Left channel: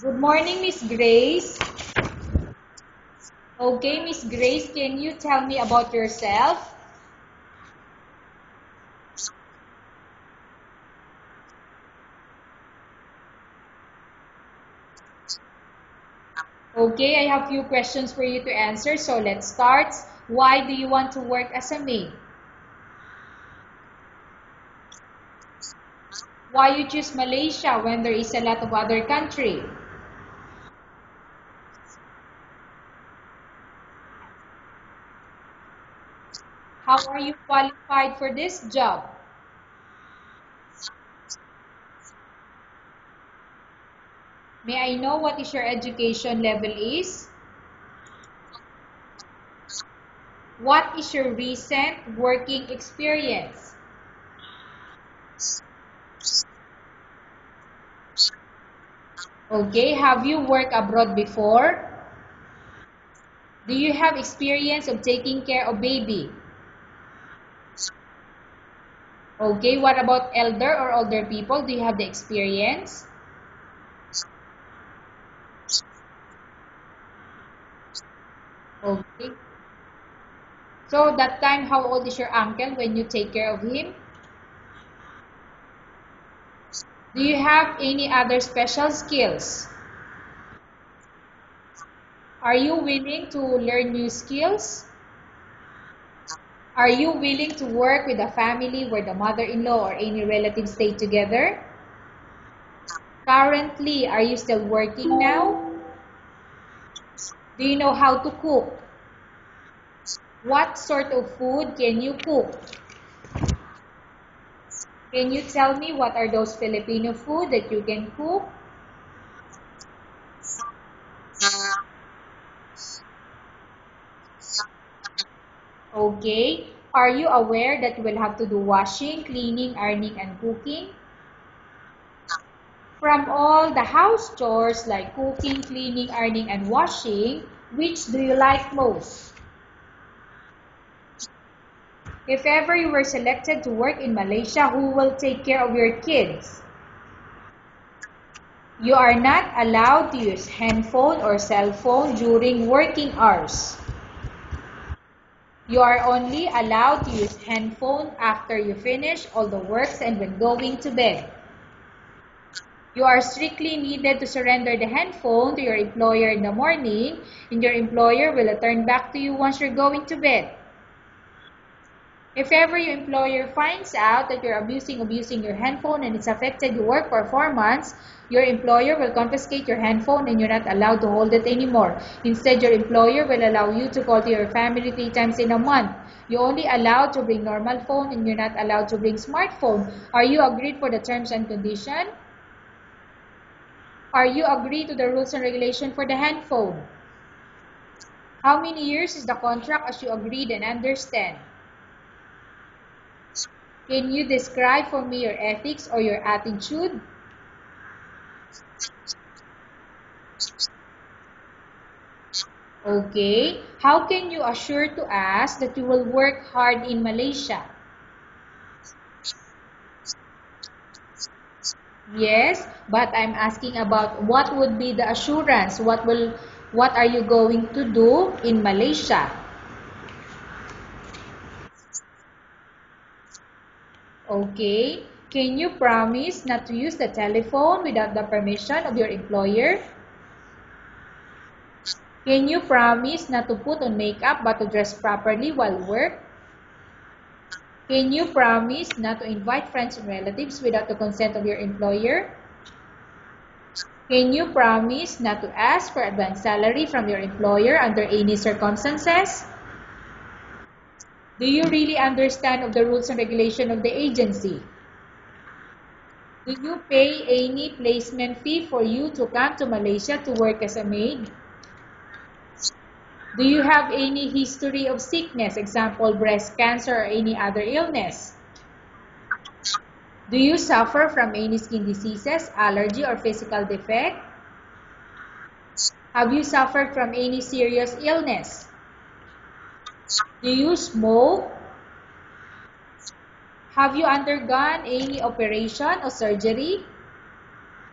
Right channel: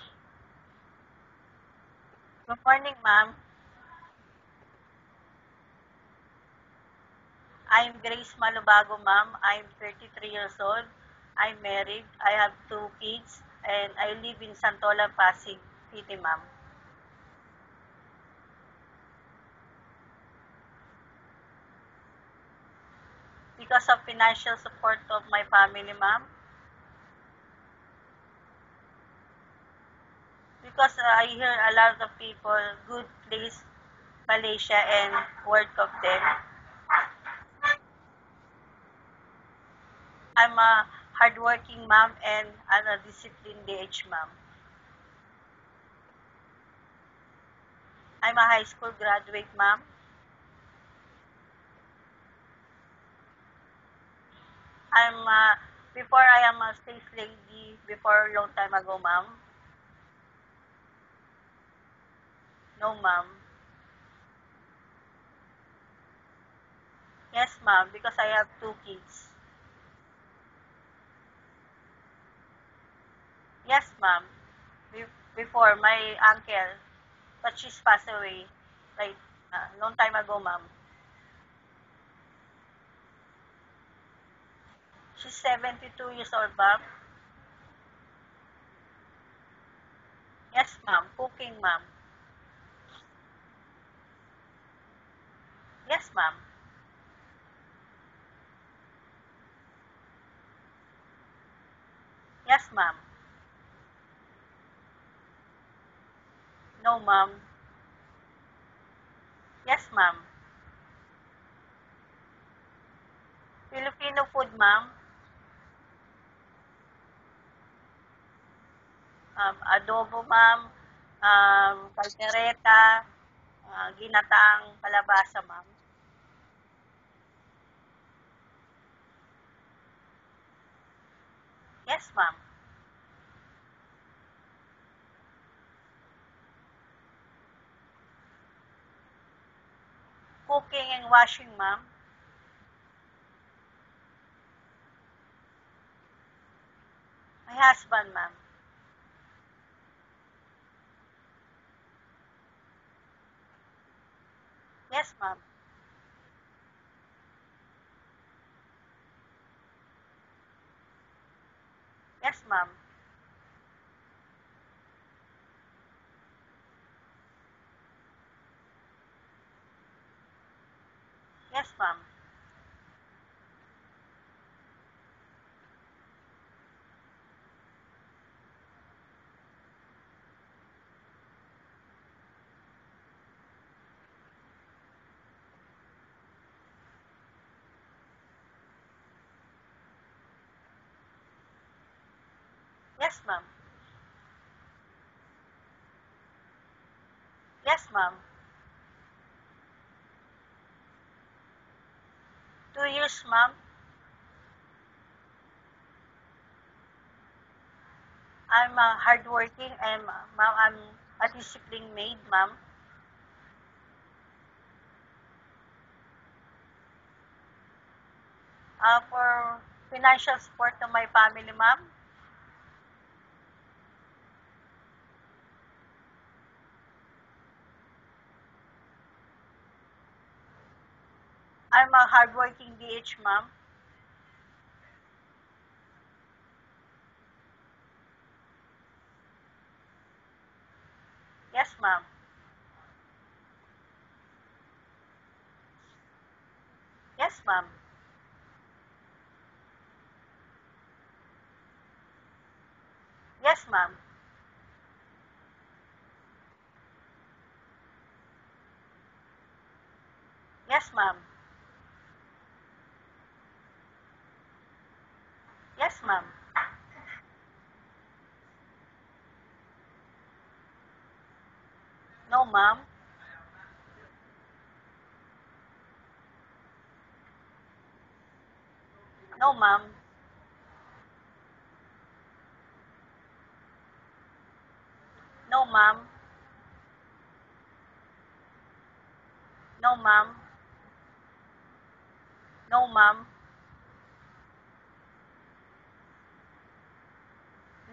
Good morning, Miss Grace. Good morning, ma'am. Okay, Miss Grace, can you tell me about yourself? I'm Grace Malubago, ma'am. I'm 33 years old. I'm married. I have two kids, and I live in Santolan, Pasig City, ma'am. Okay, I have few questions for you to answer, so let's start. Why do you want to work as a maid? Because of financial support of my family, ma'am. Why you choose Malaysia when there is a lot of other country? Because I hear a lot of people good place Malaysia and work of them. How are you qualified for this job? I'm a hardworking ma'am and a disciplined DH, ma'am. May I know what is your education level is? I'm a high school graduate, ma'am. What is your recent working experience? Before I am a sales lady before a long time ago, ma'am. Okay, have you worked abroad before? No, ma'am. Do you have experience of taking care of baby? Yes, ma'am, because I have two kids. Okay, what about elder or older people? Do you have the experience? Yes, ma'am. Before my uncle, but she's passed away like Okay. long time ago, ma'am. So that time, how old is your uncle when you take care of him? She's 72 years old, ma'am. Do you have any other special skills? Yes, ma'am. Cooking, ma'am. Are you willing to learn new skills? Yes, ma'am. Are you willing to work with a family where the mother-in-law or any relatives stay together? Yes, ma'am. Currently, are you still working now? No, ma'am. Do you know how to cook? Yes, ma'am. What sort of food can you cook? Filipino food, ma'am. Can you tell me what are those Filipino food that you can cook? Adobo, ma'am. Caldereta. Ginataang kalabasa, ma'am. Okay. Are you aware that you will have to do washing, cleaning, ironing, and cooking? Yes, ma'am. From all the house chores like cooking, cleaning, ironing, and washing, which do you like most? Cooking and washing, ma'am. If ever you were selected to work in Malaysia, who will take care of your kids? My husband, ma'am. You are not allowed to use handphone or cell phone during working hours. Yes, ma'am. You are only allowed to use handphone after you finish all the works and when going to bed. Yes, ma'am. You are strictly needed to surrender the handphone to your employer in the morning, and your employer will return back to you once you're going to bed. Yes, ma'am. If ever your employer finds out that you're abusing your handphone and it's affected your work performance, your employer will confiscate your handphone and you're not allowed to hold it anymore. Instead, your employer will allow you to call to your family 3 times in a month. You're only allowed to bring normal phone and you're not allowed to bring smartphone. Are you agreed for the terms and condition? Yes, ma'am. Are you agreed to the rules and regulation for the handphone? Yes, ma'am. How many years is the contract as you agreed and understand? 2 years, ma'am. Can you describe for me your ethics or your attitude? I'm hardworking and ma'am, I'm a disciplined maid, ma'am. Okay. How can you assure to us that you will work hard in Malaysia? For financial support to my family, ma'am. Yes, but I'm asking about what would be the assurance? What are you going to do in Malaysia? I'm a hardworking DH, ma'am. Okay. Can you promise not to use the telephone without the permission of your employer? Yes, ma'am. Can you promise not to put on makeup but to dress properly while work? Yes, ma'am. Can you promise not to invite friends and relatives without the consent of your employer? Yes, ma'am. Can you promise not to ask for advance salary from your employer under any circumstances? Yes, ma'am. Do you really understand of the rules and regulation of the agency? Yes, ma'am. Do you pay any placement fee for you to come to Malaysia to work as a maid? No, ma'am. Do you have any history of sickness, example breast cancer or any other illness? No, ma'am. Do you suffer from any skin diseases, allergy, or physical defect? No, ma'am. Have you suffered from any serious illness? No, ma'am. Do you smoke? No, ma'am. Have you undergone any operation or surgery?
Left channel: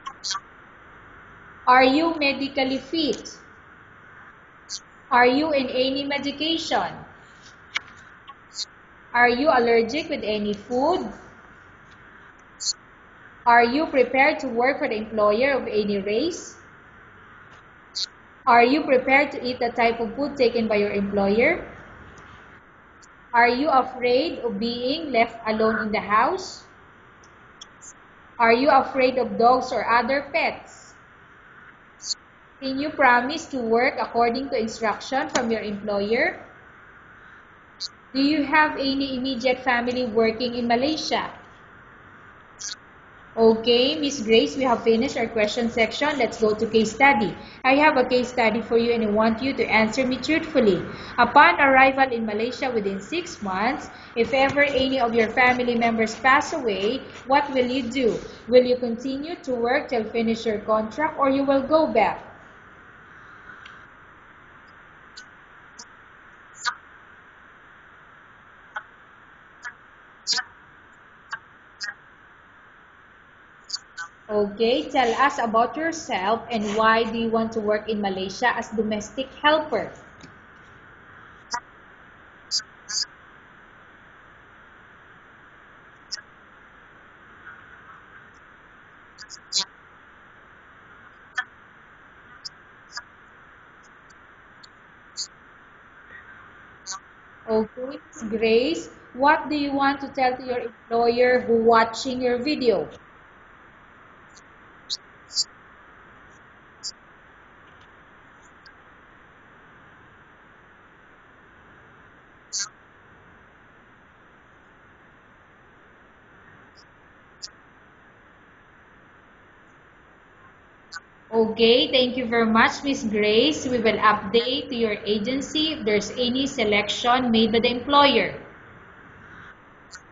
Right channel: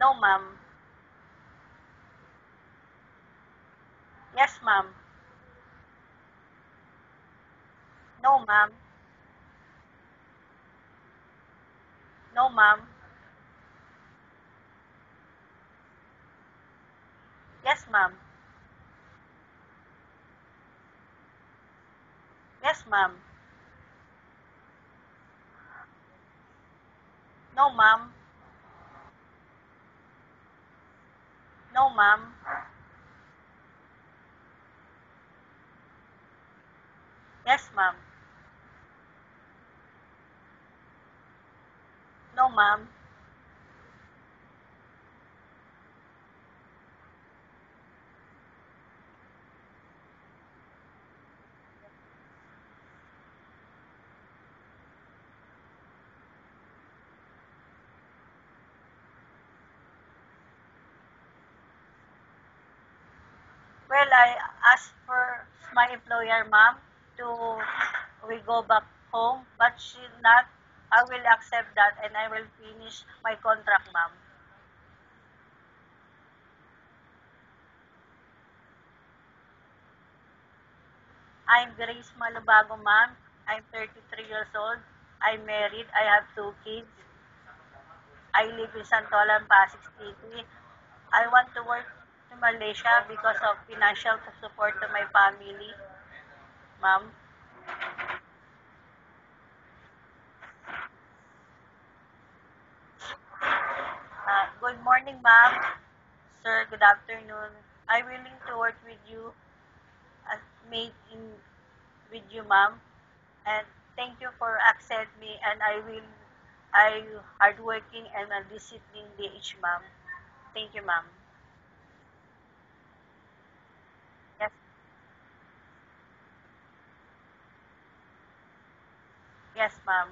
No, ma'am. Are you medically fit? Yes, ma'am. Are you in any medication? No, ma'am. Are you allergic with any food? No, ma'am. Are you prepared to work for the employer of any race? Yes, ma'am. Are you prepared to eat the type of food taken by your employer? Yes, ma'am. Are you afraid of being left alone in the house? No, ma'am. Are you afraid of dogs or other pets? No, ma'am. Can you promise to work according to instruction from your employer? Yes, ma'am. Do you have any immediate family working in Malaysia? No, ma'am. Okay, Miss Grace, we have finished our question section. Let's go to case study. I have a case study for you and I want you to answer me truthfully. Upon arrival in Malaysia within 6 months, if ever any of your family members pass away, what will you do? Will you continue to work till finish your contract or you will go back? Well, I asked for my employer, ma'am, to we go back home, but she not. I will accept that and I will finish my contract, ma'am. Okay, tell us about yourself and why do you want to work in Malaysia as domestic helper? I'm Grace Malubago, ma'am. I'm 33 years old. I'm married. I have 2 kids. I live in Santolan, Pasig City. I want to work in Malaysia because of financial support to my family, ma'am. Okay, Miss Grace, what do you want to tell to your employer who watching your video? Good morning, ma'am. Sir, good afternoon. I'm willing to work with you as mate in with you, ma'am. And thank you for accept me. And I hardworking and a disciplined DH, ma'am. Thank you, ma'am. Okay, thank you very much, Miss Grace. We will update to your agency if there's any selection made by the employer. Yes, ma'am.